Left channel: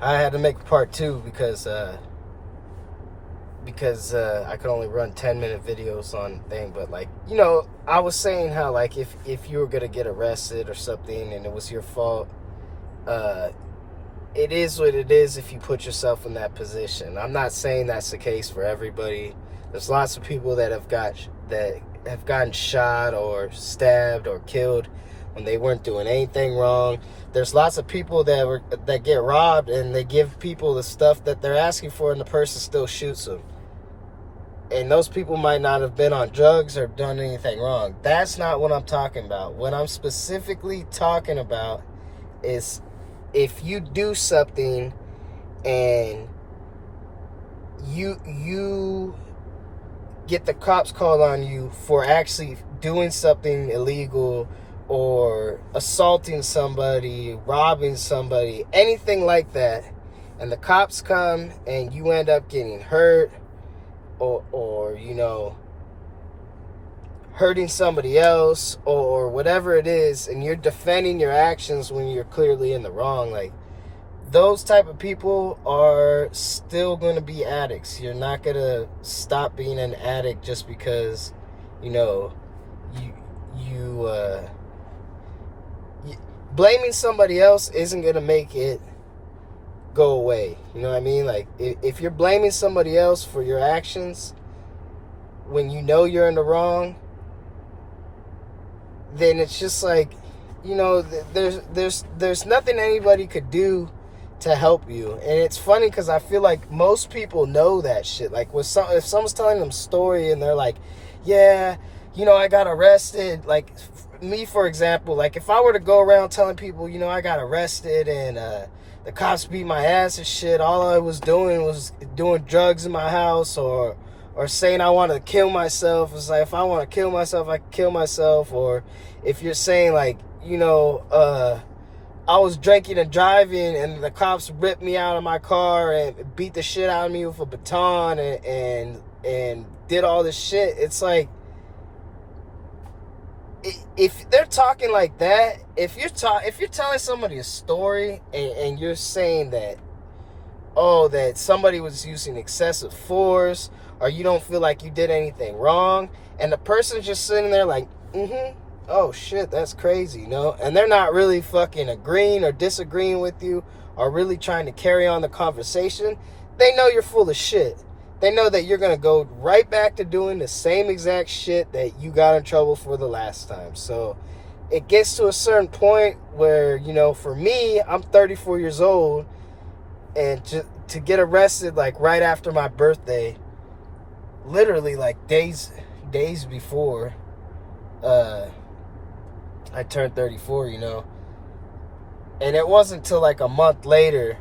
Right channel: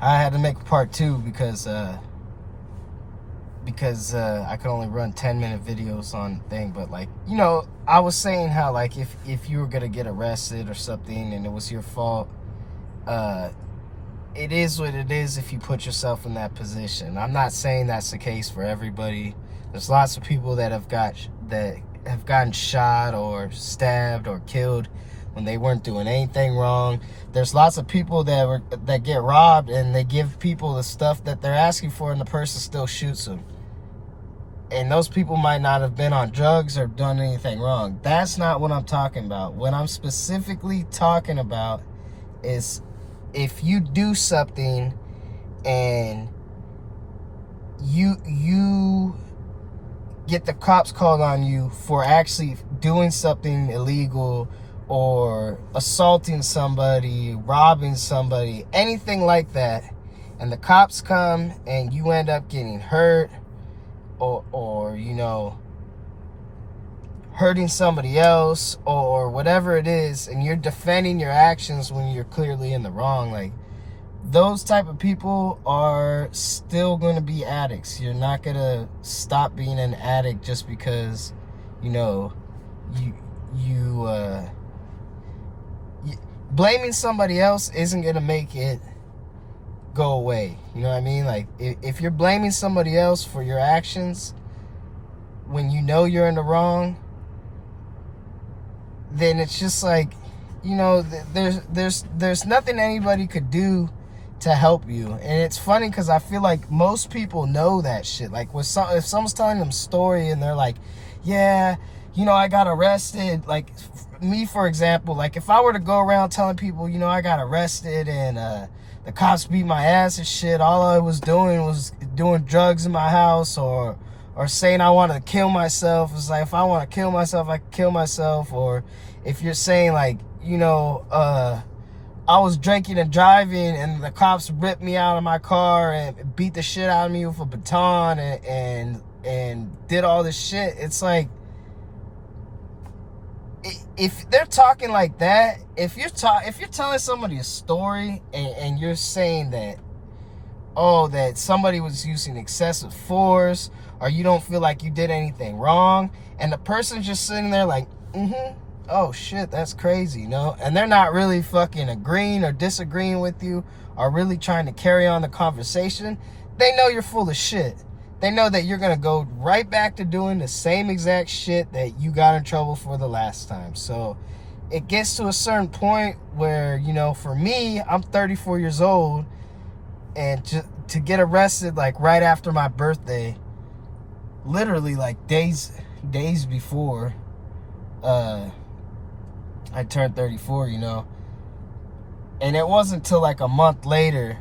I had to make part two because I could only run 10-minute videos on thing. But like, you know, I was saying how like if you were gonna get arrested or something and it was your fault, it is what it is if you put yourself in that position. I'm not saying that's the case for everybody. There's lots of people that have gotten shot or stabbed or killed when they weren't doing anything wrong. There's lots of people that get robbed and they give people the stuff that they're asking for and the person still shoots them. And those people might not have been on drugs or done anything wrong. That's not what I'm talking about. What I'm specifically talking about is if you do something and you get the cops called on you for actually doing something illegal or assaulting somebody, robbing somebody, anything like that, and the cops come and you end up getting hurt or you know, hurting somebody else or whatever it is, and you're defending your actions when you're clearly in the wrong, like, those type of people are still going to be addicts. You're not going to stop being an addict just because, you know, you blaming somebody else isn't going to make it go away. You know what I mean? Like, if you're blaming somebody else for your actions when you know you're in the wrong, then it's just like, you know, there's nothing anybody could do to help you. And it's funny because I feel like most people know that shit. Like, if someone's telling them a story and they're like, yeah, you know, I got arrested. Like, me, for example, like, if I were to go around telling people, you know, I got arrested and the cops beat my ass and shit, all I was doing was doing drugs in my house, or saying I want to kill myself. It's like, if I want to kill myself, I can kill myself. Or if you're saying, like, you know, I was drinking and driving and the cops ripped me out of my car and beat the shit out of me with a baton and did all this shit. It's like, if they're talking like that, if you're telling somebody a story and you're saying that, oh, that somebody was using excessive force, or you don't feel like you did anything wrong, and the person's just sitting there like, oh shit, that's crazy, you know? And they're not really fucking agreeing or disagreeing with you or really trying to carry on the conversation, they know you're full of shit. They know that you're going to go right back to doing the same exact shit that you got in trouble for the last time. So it gets to a certain point where, you know, for me, I'm 34 years old, and to get arrested like right after my birthday, literally like days before I turned 34, you know. And it wasn't until like a month later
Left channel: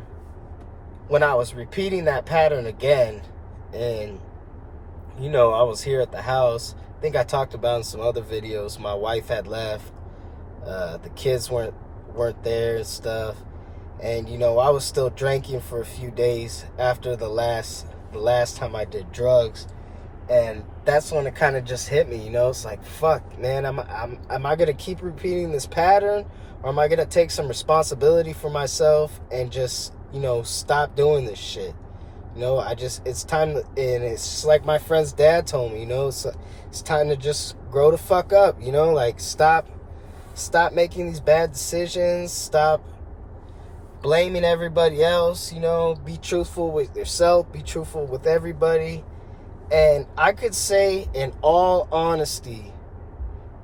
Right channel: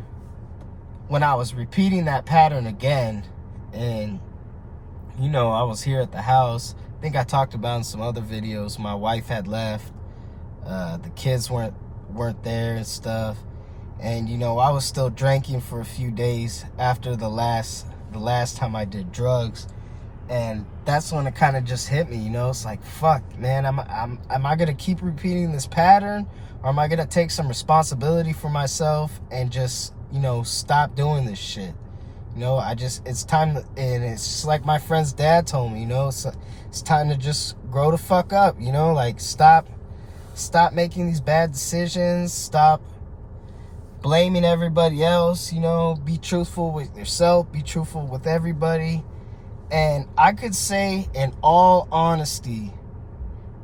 when I was repeating that pattern again. And, you know, I was here at the house. I think I talked about in some other videos. My wife had left. The kids weren't there and stuff. And, you know, I was still drinking for a few days after the last time I did drugs. And that's when it kind of just hit me, you know. It's like, fuck, man, am I going to keep repeating this pattern? Or am I going to take some responsibility for myself and just, you know, stop doing this shit? You know, it's time to, and it's just like my friend's dad told me, you know, it's time to just grow the fuck up, you know, like, stop making these bad decisions, stop blaming everybody else, you know, be truthful with yourself, be truthful with everybody. And I could say, in all honesty,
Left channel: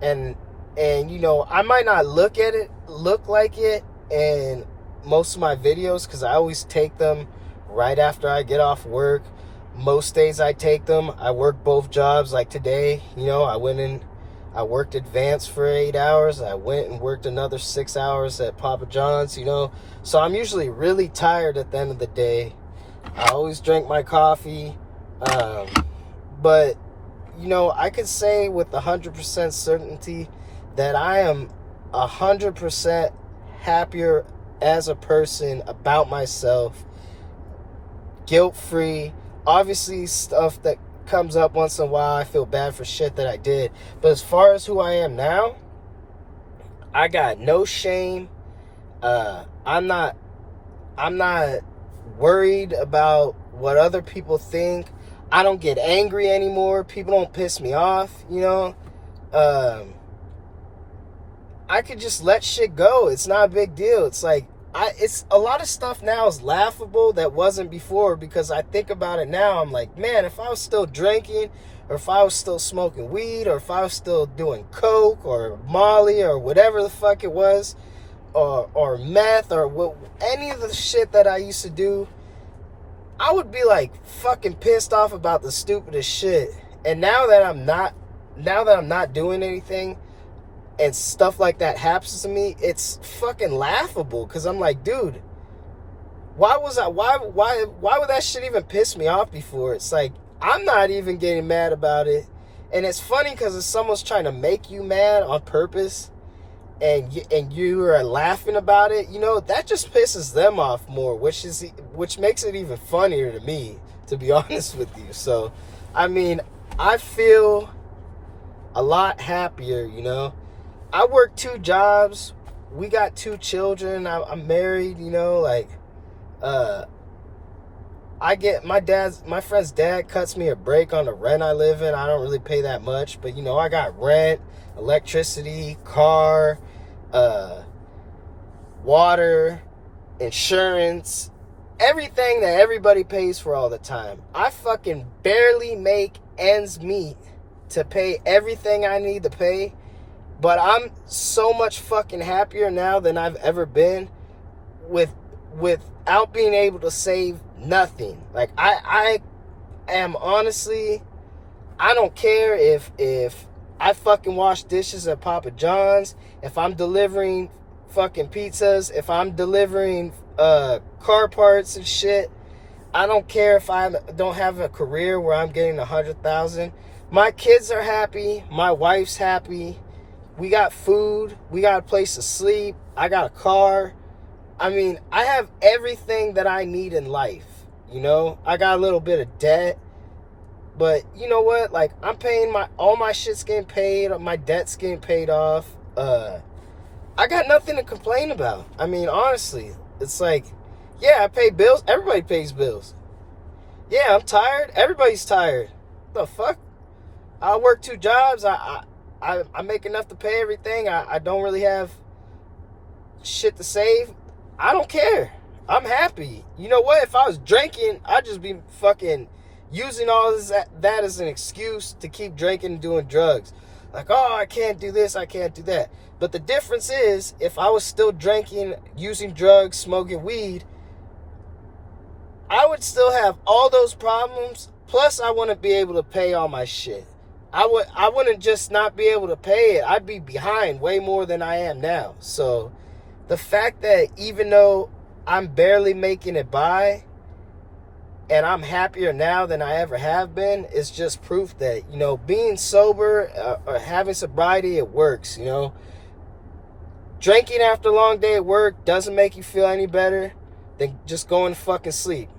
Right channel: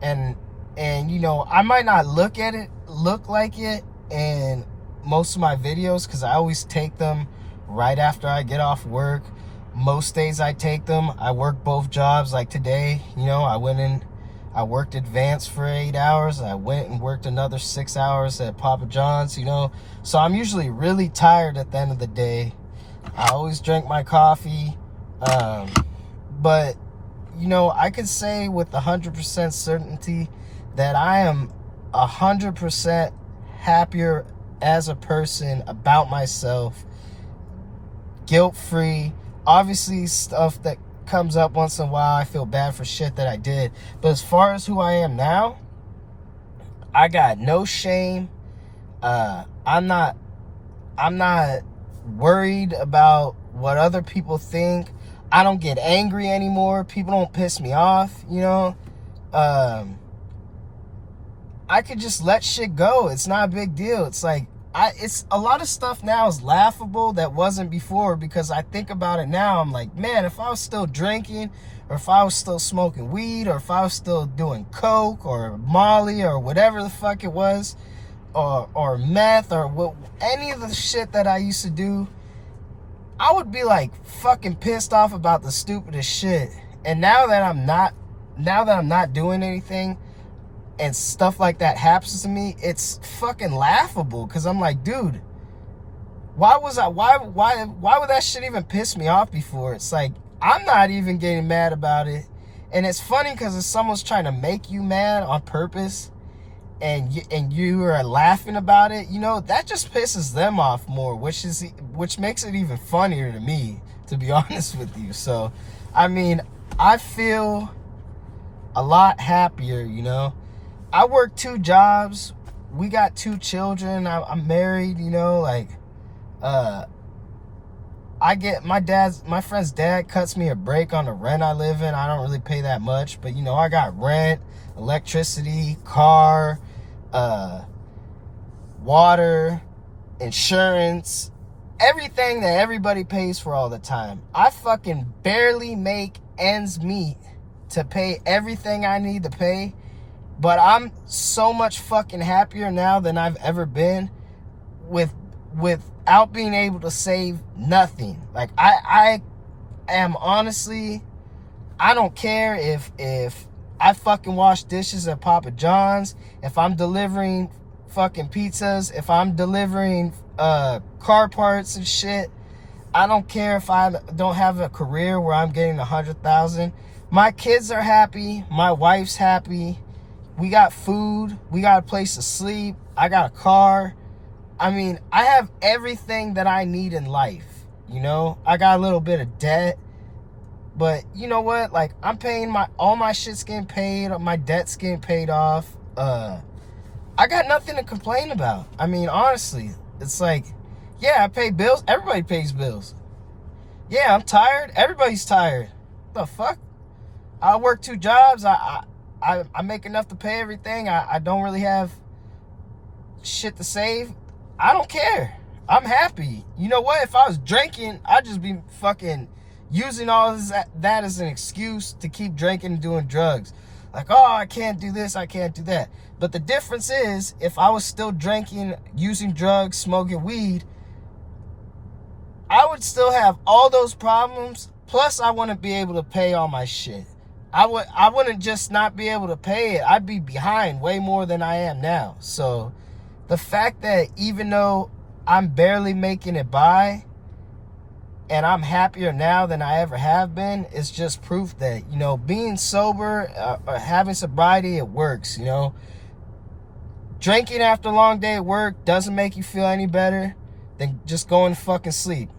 and you know, I might not look like it in most of my videos because I always take them right after I get off work. Most days I take them. I work both jobs. Like today, you know, I worked advanced for 8 hours. I went and worked another 6 hours at Papa John's, you know. So I'm usually really tired at the end of the day. I always drink my coffee. But, you know, I could say with 100% certainty that I am 100% happier as a person about myself, guilt-free. Obviously, stuff that comes up once in a while, I feel bad for shit that I did. But as far as who I am now, I got no shame. I'm not worried about what other people think. I don't get angry anymore. People don't piss me off, you know. I could just let shit go. It's not a big deal. It's like, it's a lot of stuff now is laughable that wasn't before, because I think about it now. I'm like, man, if I was still drinking, or if I was still smoking weed, or if I was still doing coke or Molly or whatever the fuck it was, or meth, or any of the shit that I used to do, I would be like fucking pissed off about the stupidest shit. And now that I'm not doing anything, and stuff like that happens to me, it's fucking laughable, because I'm like, dude, why would that shit even piss me off before? It's like, I'm not even getting mad about it. And it's funny because if someone's trying to make you mad on purpose, and you are laughing about it, you know, that just pisses them off more, which makes it even funnier to me, to be honest with you. So, I mean, I feel a lot happier, you know. I work 2 jobs. We got 2 children. I'm married, you know, like, I get my friend's dad cuts me a break on the rent I live in. I don't really pay that much, but you know, I got rent, electricity, car, water, insurance, everything that everybody pays for all the time. I fucking barely make ends meet to pay everything I need to pay, but I'm so much fucking happier now than I've ever been without being able to save nothing. Like, I am honestly, I don't care if I fucking wash dishes at Papa John's, if I'm delivering fucking pizzas, if I'm delivering car parts and shit. I don't care if I don't have a career where I'm getting 100,000. My kids are happy. My wife's happy. We got food. We got a place to sleep. I got a car. I mean, I have everything that I need in life. You know, I got a little bit of debt, but you know what? Like, I'm paying all my shit's getting paid. My debt's getting paid off. I got nothing to complain about. I mean, honestly, it's like, yeah, I pay bills. Everybody pays bills. Yeah, I'm tired. Everybody's tired. The fuck? I work 2 jobs. I make enough to pay everything. I don't really have shit to save. I don't care. I'm happy. You know what? If I was drinking, I'd just be fucking using all that as an excuse to keep drinking and doing drugs. Like, oh, I can't do this, I can't do that. But the difference is, if I was still drinking, using drugs, smoking weed, I would still have all those problems. Plus, I wouldn't be able to pay all my shit. I wouldn't just not be able to pay it. I'd be behind way more than I am now. So the fact that even though I'm barely making it by, and I'm happier now than I ever have been, is just proof that, you know, being sober or having sobriety, it works, you know. Drinking after a long day at work doesn't make you feel any better than just going to fucking sleep.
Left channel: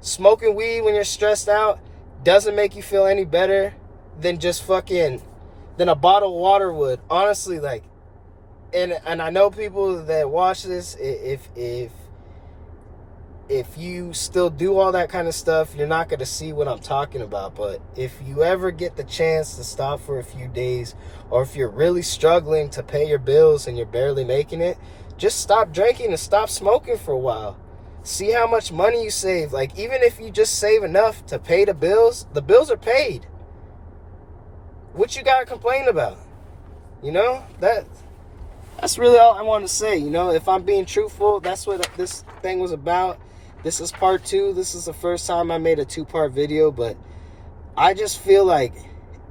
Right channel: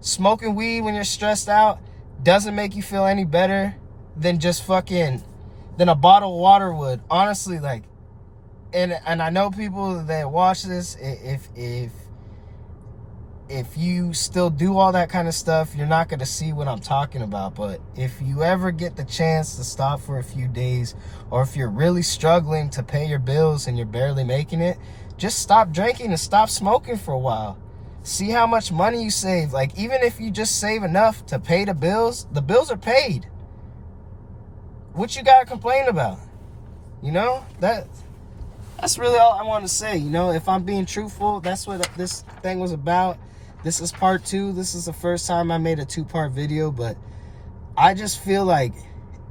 Smoking weed when you're stressed out doesn't make you feel any better than than a bottle of water would. Honestly, like, and I know people that watch this, if you still do all that kind of stuff, you're not going to see what I'm talking about. But if you ever get the chance to stop for a few days, or if you're really struggling to pay your bills and you're barely making it, just stop drinking and stop smoking for a while. See how much money you save. Like, even if you just save enough to pay the bills are paid. What you got to complain about? You know, that's really all I want to say. You know, if I'm being truthful, that's what this thing was about. This is part 2. This is the first time I made a 2-part video, but I just feel like,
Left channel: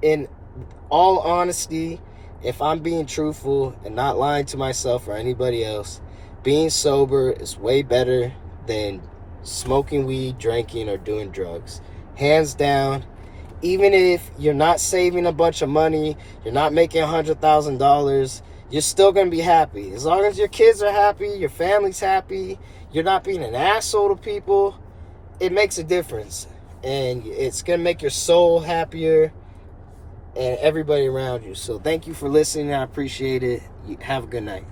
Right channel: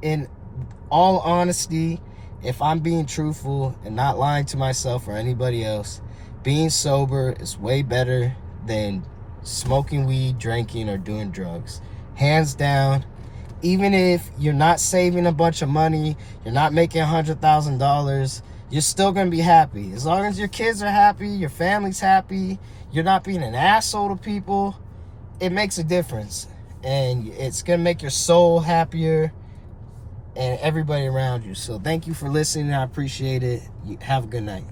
in all honesty, if I'm being truthful and not lying to myself or anybody else, being sober is way better than smoking weed, drinking, or doing drugs. Hands down. Even if you're not saving a bunch of money, you're not making $100,000, you're still going to be happy. As long as your kids are happy, your family's happy, you're not being an asshole to people, it makes a difference. And it's going to make your soul happier and everybody around you. So thank you for listening. I appreciate it. Have a good night.